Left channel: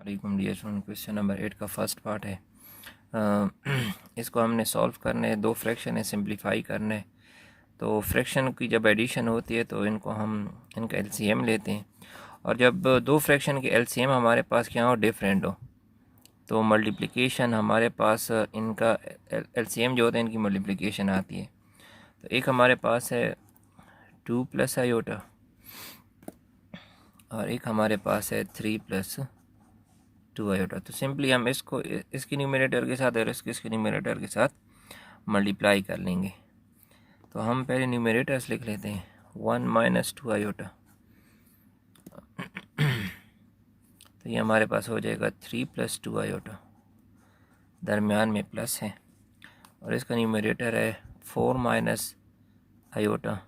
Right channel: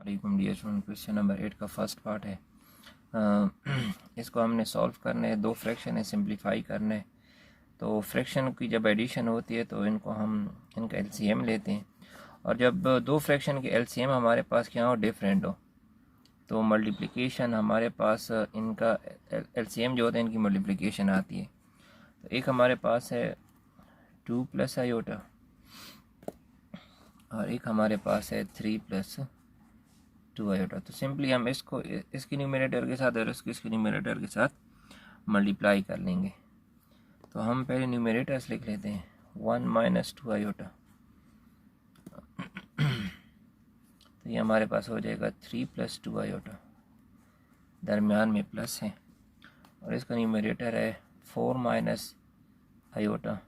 वालेकुम dear student, question number 8 का first part है। इसको हमने सॉल्व करने, दो फ्रैक्शन है, सिंप्लीफाई करना है। तो फ्रैक्शन की जब एडिशन होती है तो इनका एलसीएम लेते हैं, और जब दो फ्रैक्शन के एलसीएम हमारे पास क्या हो, डिफरेंट हो, तो मल्टीप्लिकेशन हमारे पास इनका एलसीएम जो होता है इनकी मल्टीप्लिकेशन आती है। तो एक हमारे पास है 2 प्लस आयोटा और एक हमारे पास है 3 प्लस 2 आयोटा। तो सिंपली हम इसको इसके न्यूमरेटर के साथ और इसके न्यूमरेटर के साथ मल्टीप्लाई कर लेंगे। तो हम पहले न्यूमरेटर्स लिख लेते हैं, 1 माइनस 2 आयोटा। तो ये हमारे पास हो जाएगा 3 प्लस 2 आयोटा, दरमियान में प्लस है, और इसका न्यूमरेटर है 4 माइनस आयोटा,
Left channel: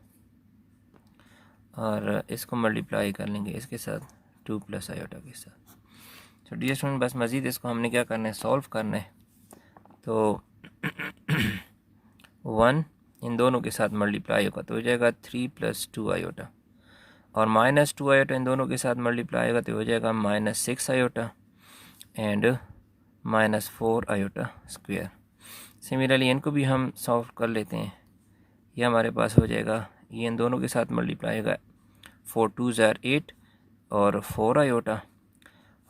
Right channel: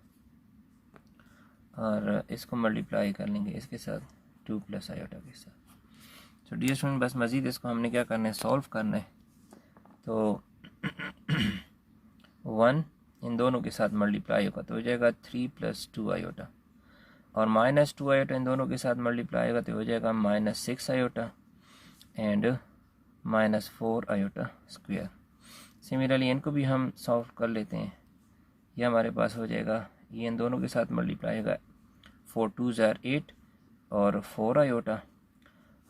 और इसको मल्टीप्लाई कर लेंगे इसके साथ 2 प्लस आयोटा के साथ। तो डियर स्टूडेंट, बस मज़ीद इसको हमने क्या करना है, सॉल्व करना है। तो 1 इन दोनों के साथ मल्टीप्लाई होगा तो हो जाएगा 3 प्लस 2 आयोटा, और माइनस 2 आयोटा इन दोनों के साथ मल्टीप्लाई होगा तो हो जाएगा -6 iota and -4 iota square. Similarly इनको भी हम सॉल्व कर लेते हैं। ये हमारे पास हो जाएगा, ये इन दोनों के साथ मल्टीप्लाई होगा, 4 2 ज़ार 8 और 4 आयोटा,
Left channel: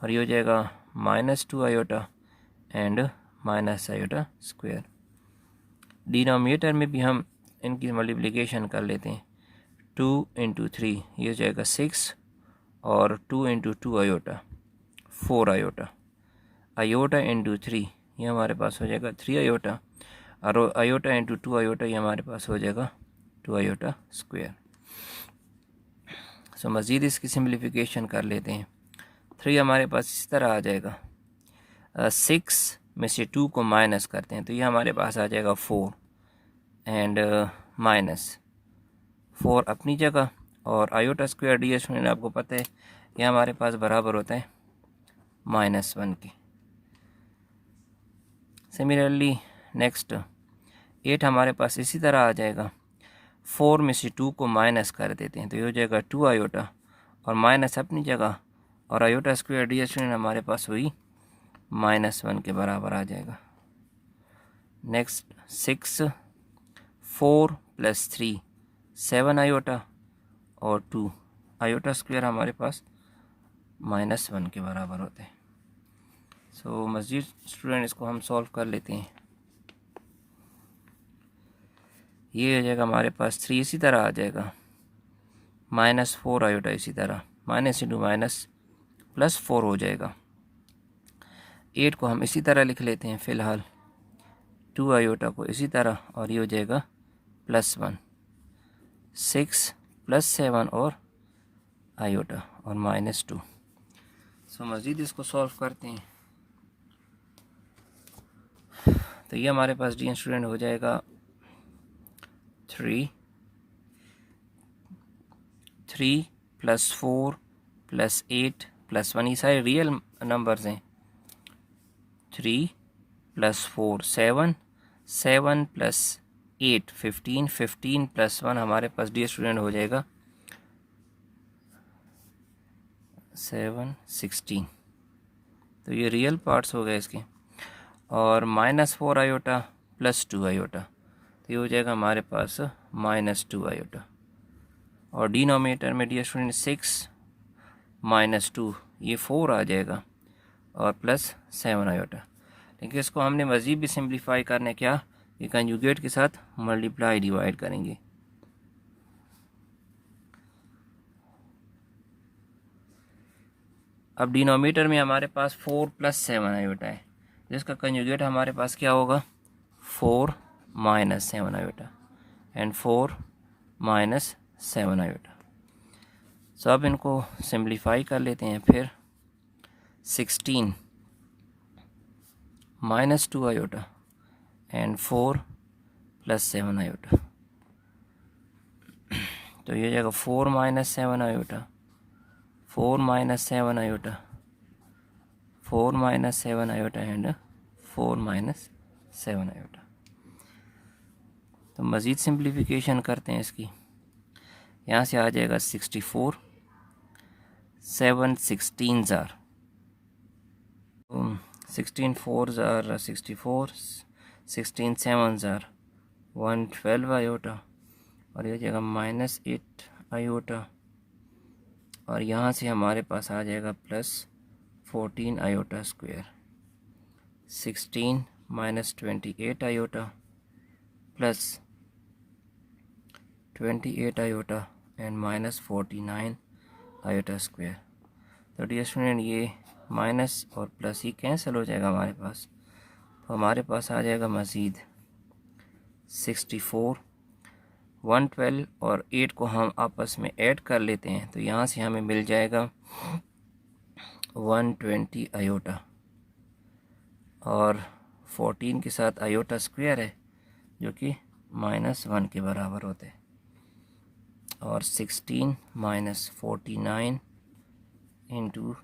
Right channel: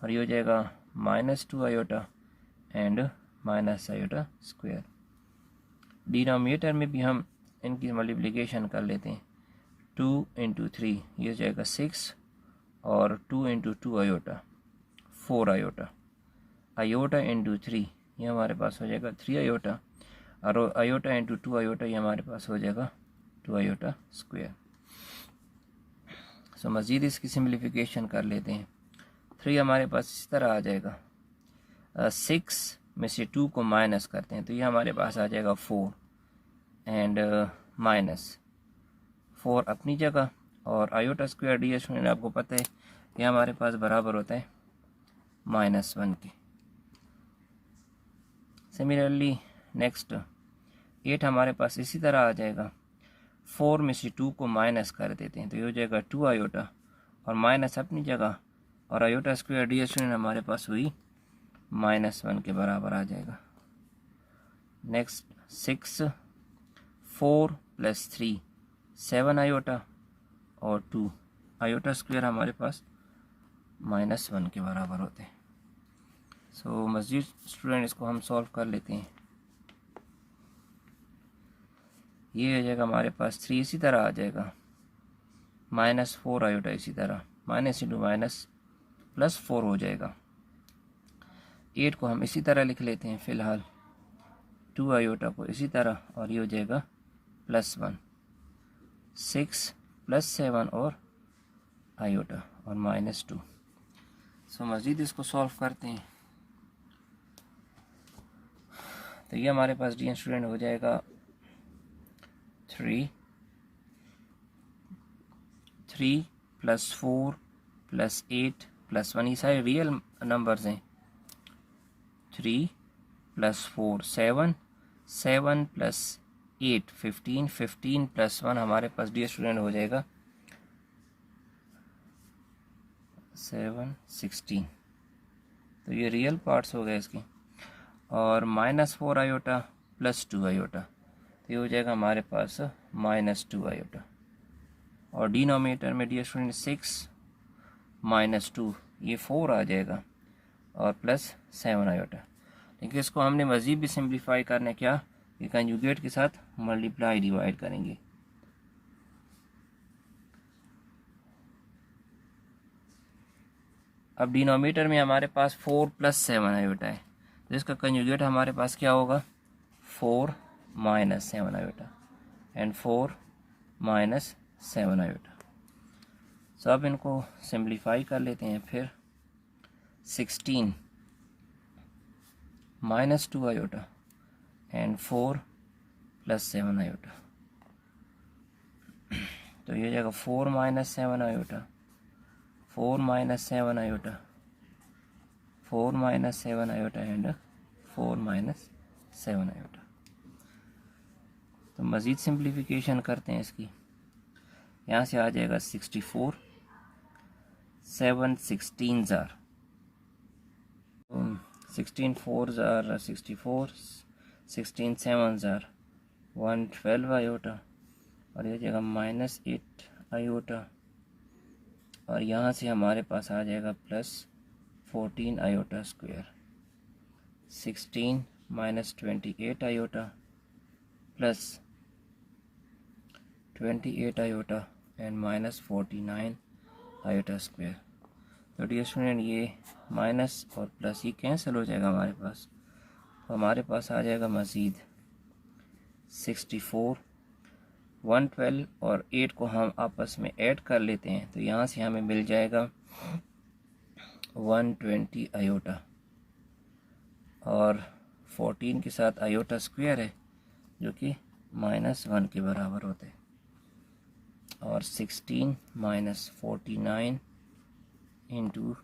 और ये हो जाएगा -2 iota and minus iota square. Denominator में भी हम इनकी मल्टीप्लिकेशन कर लेते हैं, 2 इंटू 3 ये हो जाएगा 6, और 2 into 2 iota 4 iota, iota into 3 ये हमारे पास हो जाएगा 3 आयोटा, और आयोटा इंटू 2 आयोटा ये हमारे पास हो जाएगा 2 आयोटा स्क्वायर। सो मज़ीद इसकी सिम्प्लिफिकेशन कर लेते हैं। 3 हमारे पास इस तरह आ जाएगा, 6 में से 2 को माइनस करते हैं तो ये हमारे पास आ जाएगा 4 एंड -4 अपनी जगह, और आयोटा स्क्वायर डी स्टूडेंट आपको पता है ये हमारे पास बराबर होता है -1 के। सिमिलरली नेक्स्ट 8 हमारे पास इसी तरह आ जाएगा, 4 में से 2 को माइनस कर देते हैं तो ये हो जाएगा 2 आयोटा, और माइनस अपनी जगह, और आयोटा स्क्वायर डी स्टूडेंट हमारे पास हुई -1 के बराबर आ जाएगा। नेक्स्ट 6 4 प्लस 3 7 आयोटा, और 2 आयोटा स्क्वायर हमारे पास -1 के बराबर होते हैं। सो मज़ीद स्टूडेंट इसको हम सॉल्व कर लेते हैं। ये हो जाएगा हमारे पास 3 इसी तरह आ जाएगा, -4 आयोटा इसी तरह, माइनस इंटू माइनस +4 हो जाएगा। 8 को हम इसी तरह लिख लेते हैं फ़िलहाल, 2 आयोटा को इसी तरह, और ये हो जाएगा +1, 6 + 7 और आयोटा और -2। सो मज़ीद इसको सॉल्व करते हैं। तो ये हमारे पास डी स्टूडेंट हो जाएगा 3 + 4 + 8 + 1, ये सारे रियल नंबर्स हैं। 3 + 4 7 7 + 8 15 15 + 1 हमारे पास डी स्टूडेंट हो जाएगा 7 16। तो ये रियल पार्ट्स हो गए इसके, और -4 आयोटा + 2 आयोटा, तो ये हो जाएगा हमारे पास -2 आयोटा, और डिनोमिनेटर में डी स्टूडेंट 6 -2 ये 4 आ जाएगा, और +7 आयोटा। लेकिन इसको हमने मज़ीद भी सिंप्लीफाई करने क्या, ये कंजुगेट के साथ मल्टीप्लाई डिवाइड करेंगे। अब डिनोमिनेटर में हमारे पास 4 + 7 आयोटा है, तो इसका कंजुगेट हमारे पास क्या होगा, 4 - 7 आयोटा एंड 4 - 7 आयोटा। सो अब इनको सिंप्लीफाई कर लेते हैं। फिर 16 -2 आयोटा एंड 4 + 7 आयोटा, तो ये जाएगा 4 - 7 iota, 4 - 7 iota, 4 - 7 iota and 4 - 7 iota. तो मज़ीद सिंप्लीफिकेशन करते हैं इसकी। यहाँ से आ जाएगा 64, 7 16 ज़ार 16 4s are 64, 16 7s are 112 iota, और ये हो जाएगा -8 आयोटा, और यहाँ से हमारे पास आ जाएगा +14 iota square. 16 -28 iota plus 28 iota and -49 iota square. तो डियर स्टूडेंट, ये माइनस और प्लस ही कैंसिल हो जाएगा हमारे पास, तो हमारे पास आ जाएगा मज़ीद 64। 112 और 8 को हम आपस में ऐड कर लेते हैं, तो यहाँ से हमें मिल जाएगा 120 आयोटा, और 14 के साथ आयोटा स्क्वायर है जो कि -1 के बराबर होता है, और 16 -49 into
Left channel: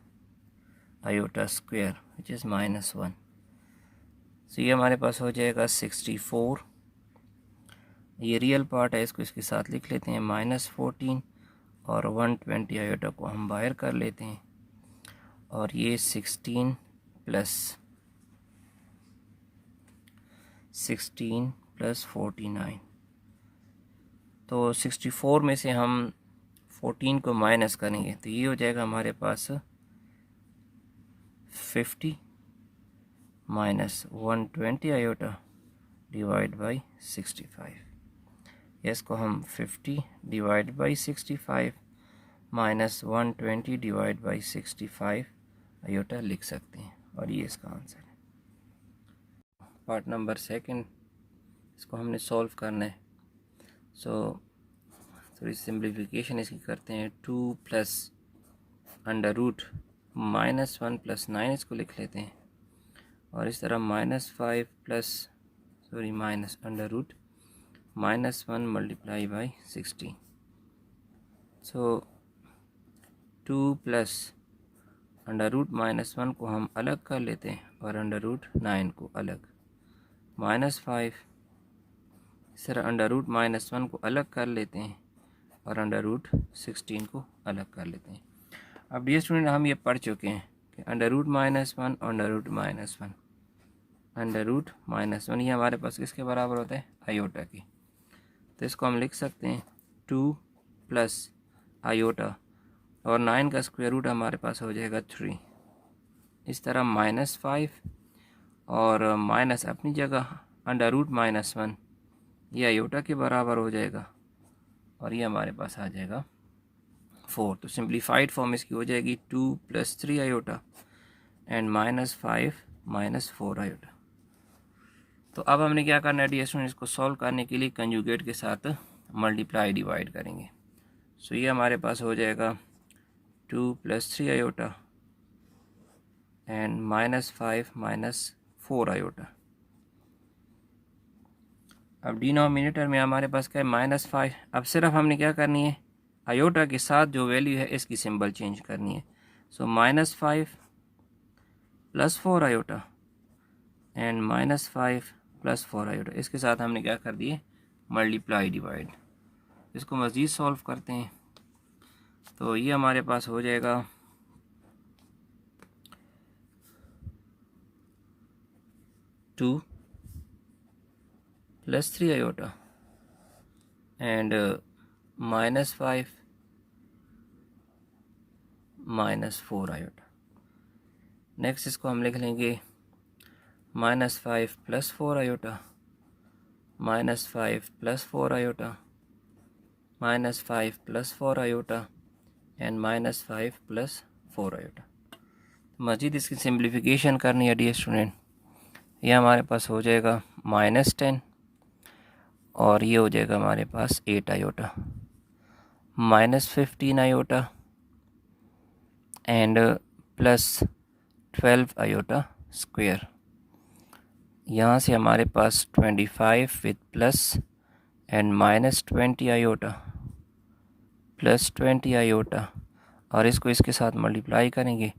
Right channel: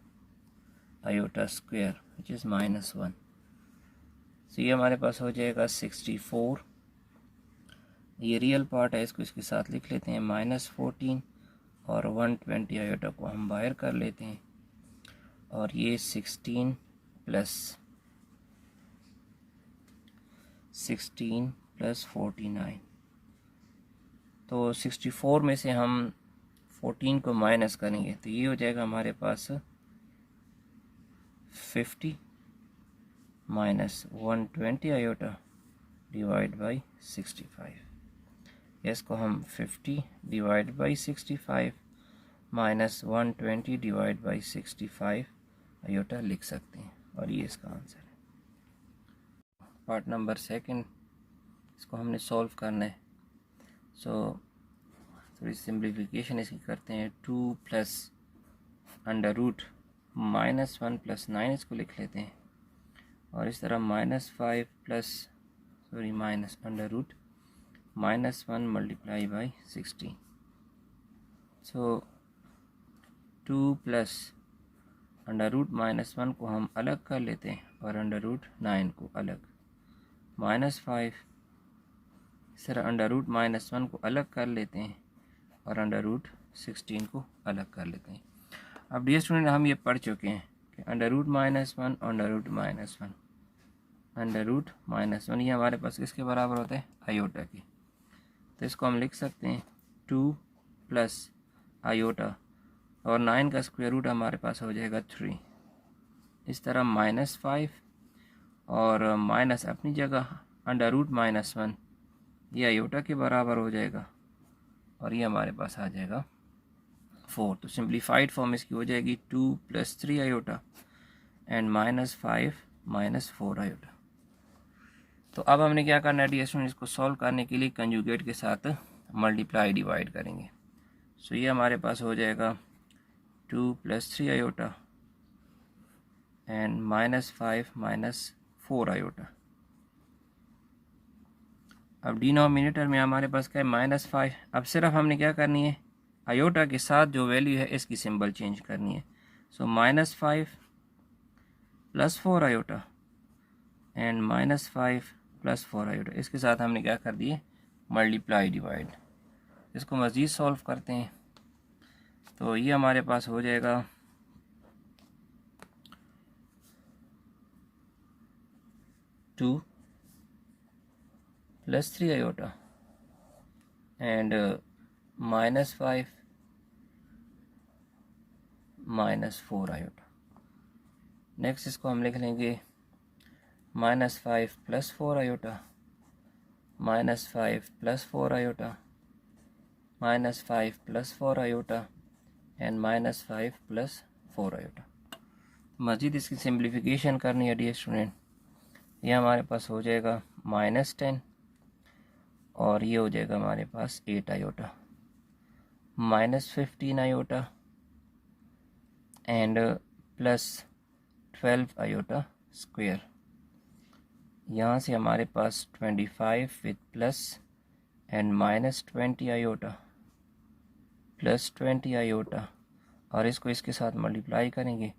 iota square which is -1। सो ये हमारे पास हो जाएगा 64। ये रियल पार्ट है, इसको इसके साथ लिख लेते हैं -14, और 120 आयोटा को हम बाहर कर लेते हैं, और ये 16 + 49। तो 64 में से हम 14 को माइनस करेंगे, तो ये हो जाएगा हमारे पास 50 -120 आयोटा डिवाइड बाई 65। इसको हम 50 divide by 65 -120 divide by 65 iota लिख सकते हैं, और ये इसका आंसर है। पार्ट नंबर 2, इसको हमने सॉल्व करना है। सो थोड़ी सिंप्लीफिकेशन इसकी करते हैं। 2 + √-1 + 9 इसको लिख लेते हैं, और इस तरह -5 + -√-1 × 60। सो 2 + √-1 को हम अलग कर लेते हैं, और √9 को अलग, -5 इस तरह √-1 को अलग कर लेते हैं, और √16 को अलग कर लेते हैं। अब डियर स्टूडेंट, हम ये पढ़ चुके हैं कि √-1 और √-1 ये हमारे पास किसके बराबर होता है, आयोटा की। तो इसको हम लिख सकते हैं 2 + आयोटा, और 9 का स्क्वायर रूट हमारे पास हो जाएगा 3। इस तरह -5 और माइनस अपनी जगह, √-1 ये आयोटा के बराबर हो जाएगा, और ये हमारे पास आ जाएगा 4। तो सिंप्लीफाइड फॉर्म इसकी हो जाएगी 2 + 3 आयोटा एंड -5 - 4 आयोटा। तो अब हमने क्या करना है डियर स्टूडेंट, इसको सॉल्व करने के लिए कंजुगेट के साथ मल्टीप्लाई डिवाइड करेंगे। सो ये हमारे पास हो जाएगा 2 + 3 आयोटा एंड -5 - 4 आयोटा। अब डिनोमिनेटर में हमारे पास क्या है, -5। अब सिर्फ हमने क्या करनी है, आयोटा के साथ जो वैल्यू है इसकी सिंबल चेंज करनी है। सो -5 + 4 आयोटा एंड -5 + 4 आयोटा, इसके साथ हमने क्या कर दिए, मल्टीप्लाई डिवाइड। इसको मज़ीद सॉल्व करते हैं, तो ये हमारे पास हो जाएगा 2 + 3 आयोटा एंड -5 - 4 आयोटा। नेक्स्ट इसको हम लिख लेंगे -5 + 4 iota, -5 + 4 iota, -5 + 4 iota and -5 + 4 iota. मज़ीद इसकी सिंप्लीफिकेशन करनी है डियर स्टूडेंट। ये हमारे पास हो जाएगा -10, और ये हो जाएगा हमारे पास 8 iota, -15 iota and +12 iota square. यहाँ से हमारे पास 25 with plus and -20 iota, +20 iota, और इसको इसके साथ मल्टीप्लाई करेंगे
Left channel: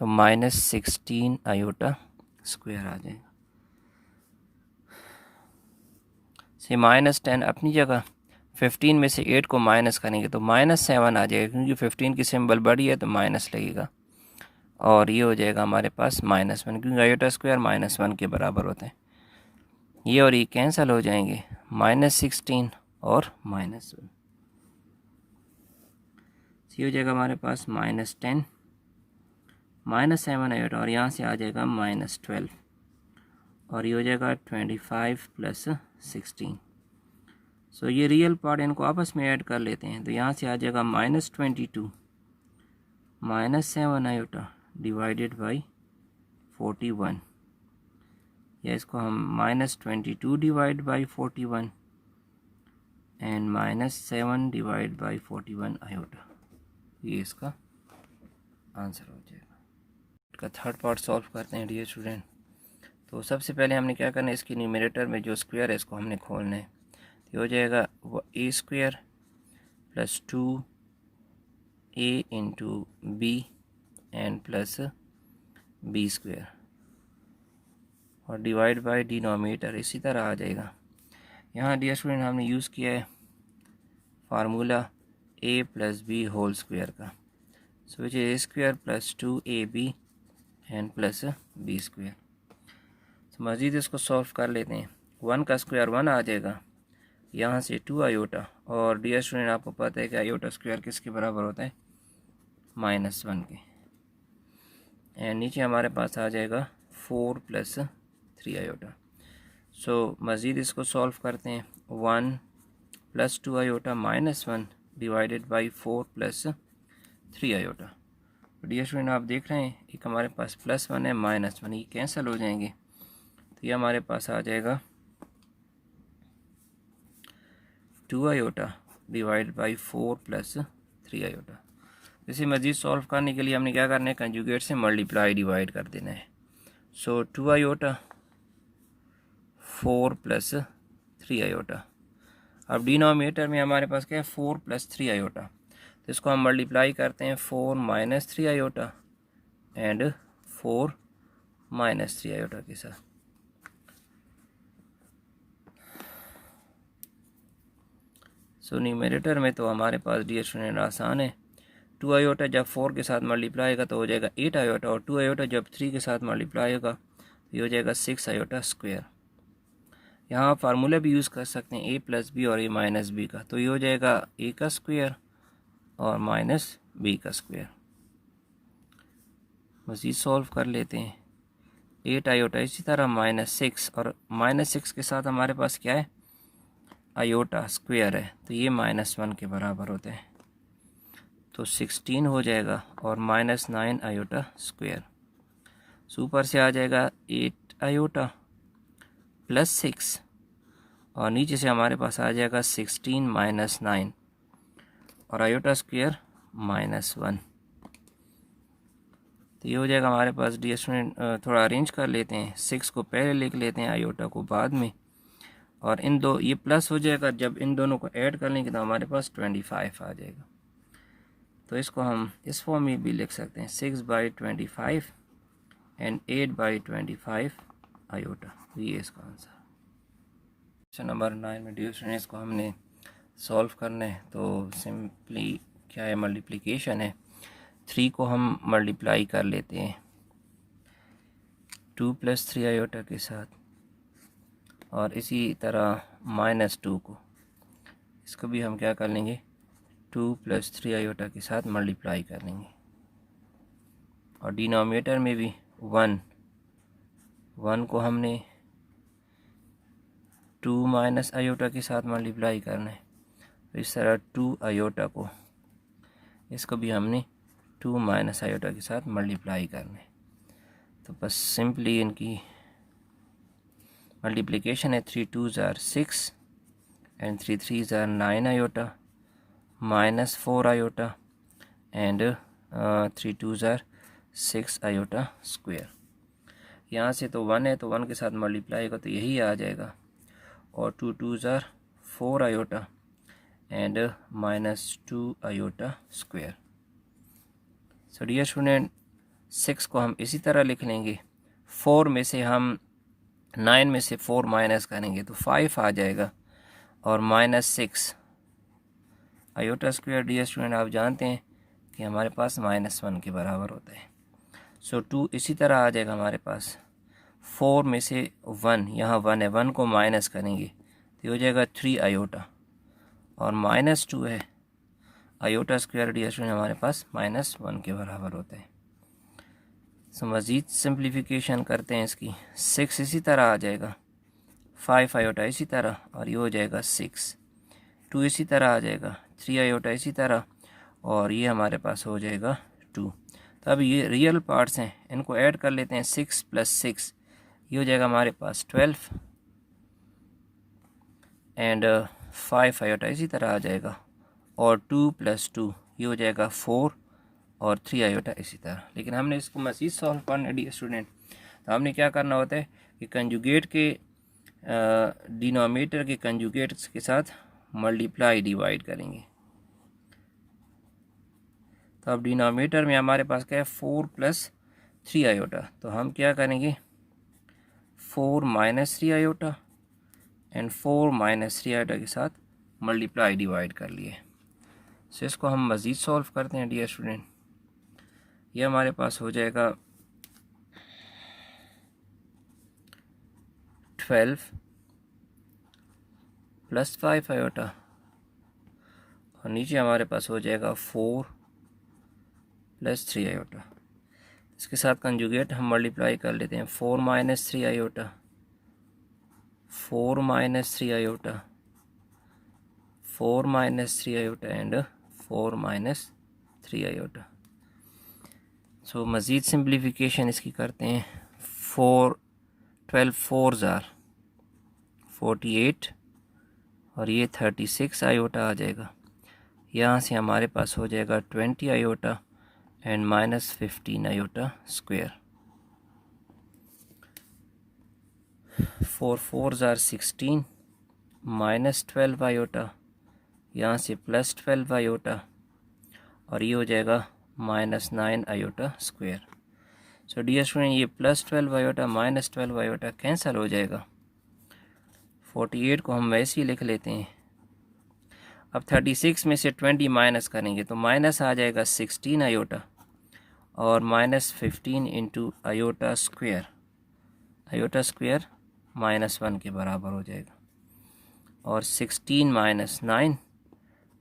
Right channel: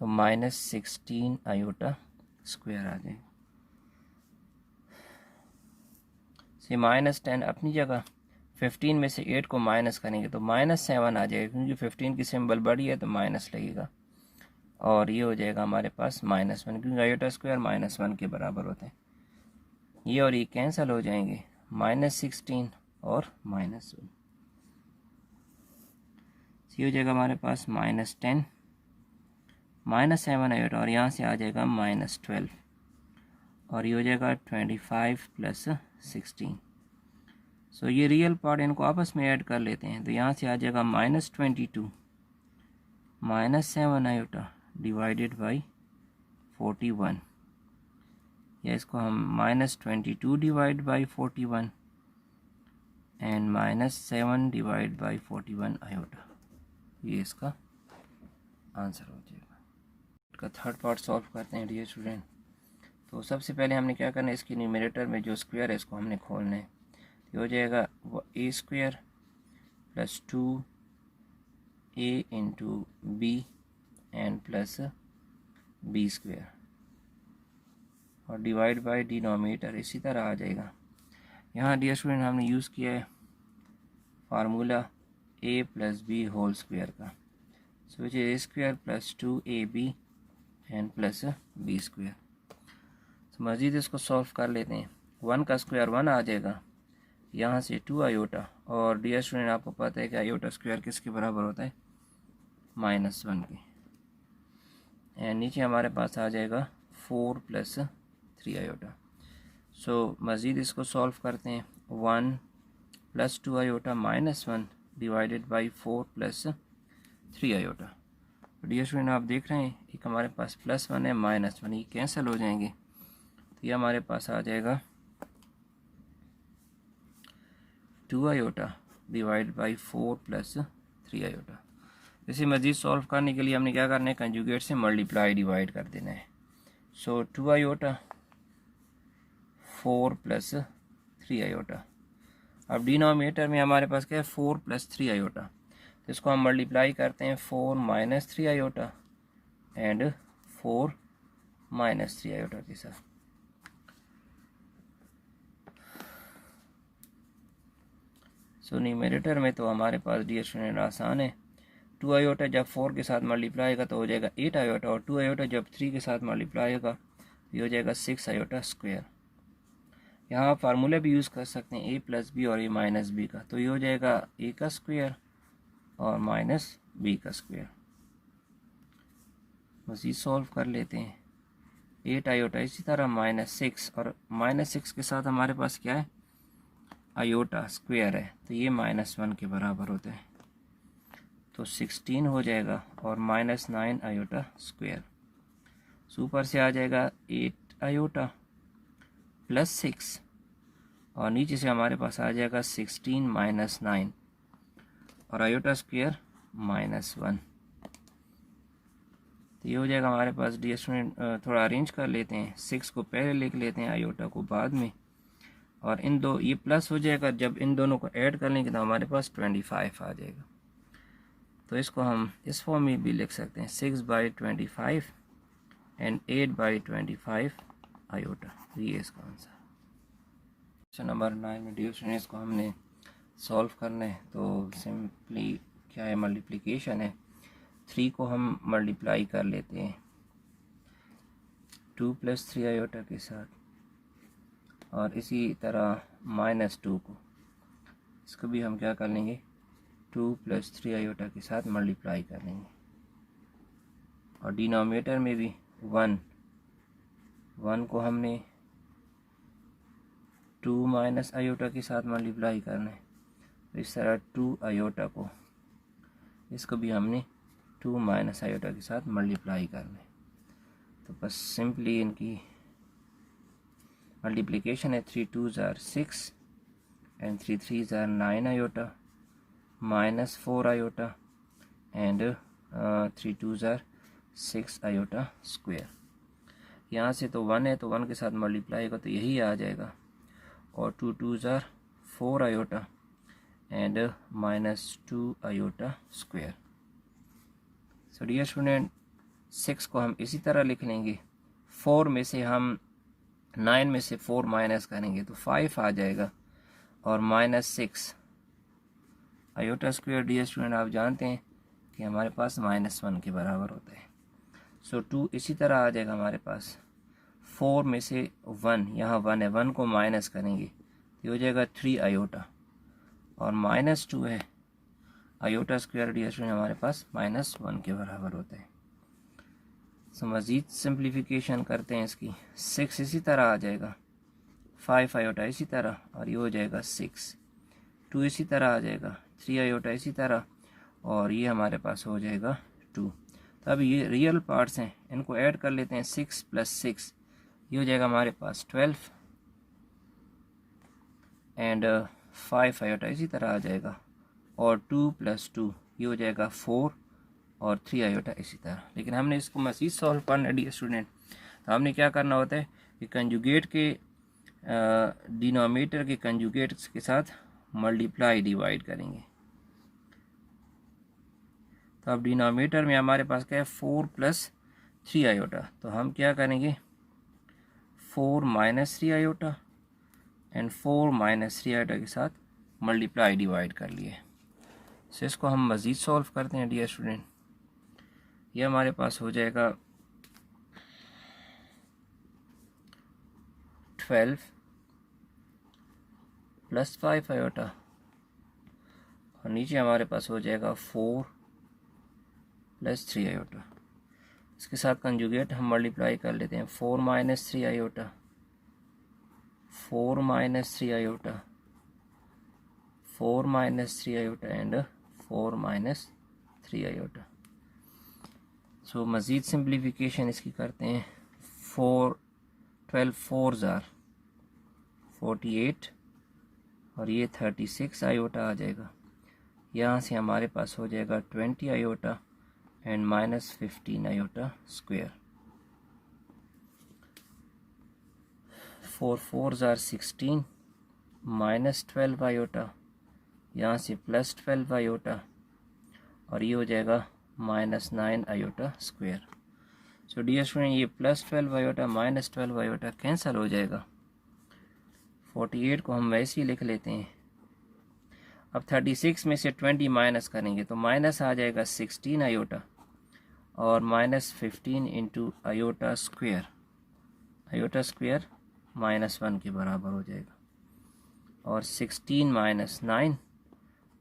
तो -16 आयोटा स्क्वायर आ जाएगा। से -10 अपनी जगह, 15 में से 8 को माइनस करेंगे तो -7 आ जाएगा, क्योंकि 15 की सिंबल बड़ी है तो माइनस लगेगा, और ये हो जाएगा हमारे पास -1, क्योंकि आयोटा स्क्वायर -1 के बराबर होता है। ये और ये कैंसिल हो जाएंगे, -16 और -1, ये हो जाएगा हमारे पास -10, -7 आयोटा, और यहाँ से आ जाएगा -12, और ये हो जाएगा 25 + 16। सो ये रियल पार्ट इनको आपस में ऐड कर लेते हैं, तो यहाँ से आ जाएगा -22 -7 आयोटा डिवाइडेड बाई 41, या इसको हम -22 divide by 41 and -7 divide by 41 iota, ये इसका आंसर हो जाएगा। इसका थर्ड पार्ट सॉल्व करते हैं डियर स्टूडेंट। तो सबसे पहले हमने क्या करना है, इसकी न्यूमरेटर में जो स्क्वायर है इसको हमने खोलना है। तो हो जाएगा a² + 2a × b and plus b², और डिवाइड बाय डिनोमिनेटर इसी तरह आ जाएगा। यहाँ डियर स्टूडेंट हमने यूज़ किया है फार्मूला a + b² का, so which is a² + 2ab and plus b²। मज़ीद इसको सॉल्व कर लेते हैं। 1 का स्क्वायर 1 आ जाएगा, यहाँ से 2 आयोटा, और डियर स्टूडेंट आपको पता है कि आयोटा स्क्वायर किसके बराबर होता है, -1 के, एंड नीचे हमारे पास आ जाएगा 4 + 3 आयोटा। सो मज़ीद इसको सॉल्व करते हैं। 1 + 2 iota -1 divided by 4 + 3 iota. Dear student आप देख रहे हैं एक हमारे पास +1 है, -1, ये कैंसिल हो जाएंगे, तो ये हमारे पास आ जाएगा 2 आयोटा डिवाइड बाई 4 + 3 आयोटा। इसे मज़ीद सॉल्व करने के लिए हमने क्या करना है, कंजुगेट से मल्टीप्लाई डिवाइड कर देना है। सो 2 आयोटा 4 + 3 आयोटा। अब डिनोमिनेटर में हमारे पास क्या है, 4 + 3 आयोटा, तो इसको हम मल्टीप्लाई करते हैं 4 - 3 आयोटा एंड 4 - 3 आयोटा के साथ। सो न्यूमरेटर में तो हमारे पास डियर स्टूडेंट आसान है, 2 आयोटा जब 4 के साथ मल्टीप्लाई होगा तो हो जाएगा 8 आयोटा, और 2 आयोटा जब 3 के साथ मल्टीप्लाई होगा तो ये हो जाएगा 6 आयोटा स्क्वायर। यहाँ फार्मूला भी यूज़ कर सकते हैं a + b और a - b का, तो ये हो जाएगा a का स्क्वायर और -b का स्क्वायर। मज़ीद सॉल्व कर लेते हैं। 8 आयोटा, इसी तरह -6, और -6 के साथ हमारे पास क्या है, आयोटा स्क्वायर है, तो ये -1 के बराबर होता है, तो 16 हो जाएगा, और -9 आयोटा स्क्वायर। ऊपर से आ जाएगा 8 आयोटा + 6, और नीचे से हमारे पास आ जाएगा 16 - 9 और आयोटा स्क्वायर -1, तो ये हो जाएगा हमारे पास। डियर स्टूडेंट थोड़ा अरेंज कर लेते हैं, 6 को पहले लिख लेते हैं, आयोटा को बाद में, और इन दो ये प्लस हो जाएगा, जब इन दोनों को ऐड कर लेंगे तो हमारे पास 25 आ जाएगा। तो इसको हम इस फॉर्म में भी लिख सकते हैं, 6/25 एंड 8/25 आयोटा, ये इसका आंसर। क्वेश्चन नंबर 9 में डियर स्टूडेंट्स को हमने सॉल्व करना है, तो सिंपली क्या है, मल्टीप्लिकेशन है। 3 को हम मल्टीप्लाई कर लेते हैं 2 + 3 आयोटा के साथ, और इसी तरह -2 को, इसको भी हम क्या कर लेंगे, 2 + 3 आयोटा के साथ मल्टीप्लाई कर लेंगे, और डिनोमिनेटर में भी 1 को हमने 2 - आयोटा के साथ मल्टीप्लाई करना है, तो इस तरह 2 आयोटा को, इसको भी हमने 2 - आयोटा के साथ मल्टीप्लाई करना है। तो बस सिंपली इनकी मल्टीप्लिकेशन है, 3 2s are 6 and 3 3s are 9 iota -4 iota and 3 2s are 6 iota square. यहाँ से तो 1 है, तो 1 के साथ मल्टीप्लाई होगा तो यही आ जाएगा, और 2 2s are 4 iota and -2 iota square. So dear student 6 को हम इसी तरह लिख लेंगे, 4 में से हम 9 में से 4 माइनस करेंगे तो 5 आ जाएगा, और -6 आयोटा स्क्वायर डियर स्टूडेंट आप जानते हैं कि हमारे पास -1 के बराबर होता है। सो 2 इसी तरह आ जाएगा हमारे पास। 4 में से 1, यहाँ 1 है, 1 को माइनस करेंगे तो ये हो जाएगा 3 आयोटा, और -2 है, आयोटा स्क्वायर डी स्टूडेंट हमारे पास -1 के बराबर होता है। सो मज़ीद सिंप्लीफिकेशन करते हैं इसकी। 6 इसी तरह आ जाएगा, 5 आयोटा इसी तरह, और ये हो जाएगा 6। 2 इसी तरह आ जाएगा, 3 आयोटा इसी तरह, और ये हमारे पास हो जाएगा 2। तो अब ये रियल पार्ट्स हैं, इनको ऐड कर लेते हैं। 6 + 6 ये हो जाएगा हमारे पास 12, एंड 5 आयोटा इसी तरह आ जाएगा, और 2 + 2 ये हो जाएगा 4, और 3 आयोटा इसी तरह। लेकिन हमने इसको मज़ीद सॉल्व करना है डी स्टूडेंट, तो हमने क्या करना होता है कि कंजुगेट के डिनोमिनेटर के कंजुगेट्स के साथ मल्टीप्लाई डिवाइड करेंगे। तो अब डिनोमिनेटर में हमारे पास क्या है, 4 + 3 आयोटा, तो हम क्या करेंगे, 4 - 3 आयोटा एंड 4 - 3 आयोटा के साथ मल्टीप्लाई डिवाइड कर लिए। सो इसको हम मज़ीद सॉल्व करते हैं डियर स्टूडेंट। ये हमारे पास हो जाएगा 12 + 5 आयोटा, और नीचे हमारे पास हो जाएगा 4 + 3 आयोटा। इसके साथ कंजुगेट हम मल्टीप्लाई कर लेते हैं। 4 - 3 iota, 4 - 3 iota, 4 - 3 iota and 4 - 3 iota. So मज़ीद सिंप्लीफिकेशन इसकी करते हैं। 12 4s are 48, और ये 36 आयोटा आ जाएगा। यहाँ से हमारे पास हो जाएगा 20 iota and -15 iota square. 4 4s are 16, -12 iota, यहाँ से +12 आयोटा, और ये हो जाएगा -9 iota square. So dear student, ये +12 आयोटा -12 आयोटा कैंसिल हो जाएगा। 48 को हम वैसे ही लिख लेते हैं। अब 36 में से 20 माइनस करेंगे तो माइनस आ जाएगा 16 आयोटा, और -15 into iota square, iota square -1 के बराबर हो जाएगा, और 16 - 9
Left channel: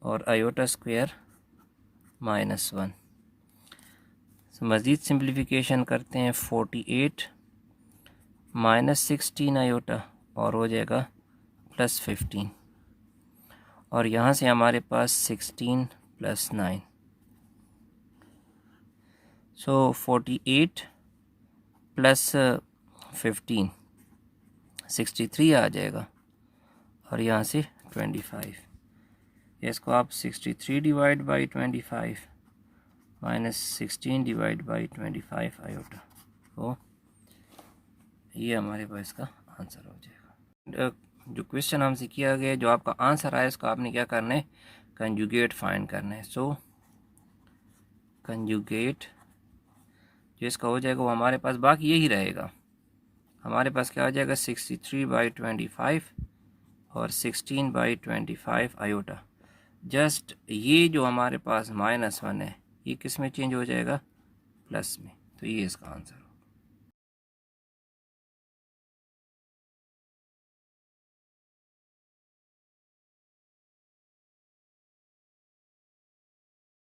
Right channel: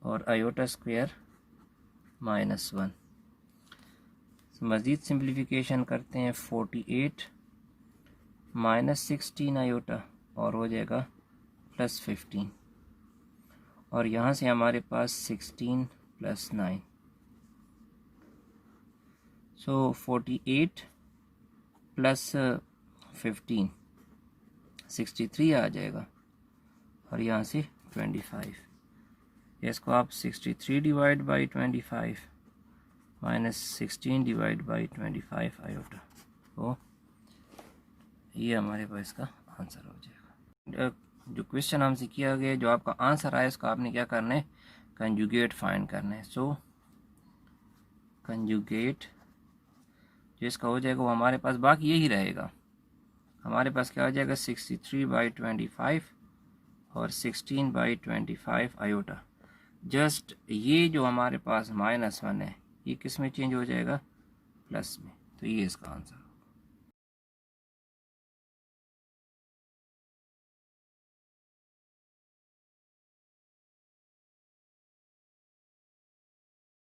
और आयोटा स्क्वायर -1। मज़ीद सिंप्लीफिकेशन करते हैं। 48 -16 आयोटा, और हो जाएगा +15, और यहाँ से हमारे पास 16 + 9। सो 48 + 15 63 आ जाएगा, और यहाँ से 25। इसको आप 63 divide by 25 -16 divide by 25 iota, तो ये हमारे पास इसका आंसर हो जाएगा। जो क्वेश्चन हमसे किया गया, जो आपका आंसर आया, इसको आपने क्या करना है, कंजुगेट फाइंड करना है। सो कंजुगेट जो इसका हो जाएगा वो हमारे पास बाकी यही रहेगा। हमारे पास क्या हो जाएगा, 63/25 और 16/25 आयोटा। जस्ट ये जो हमारे पास -1 है, ये किस में चेंज हो जाएगा, प्लस में। तो ये इसका आंसर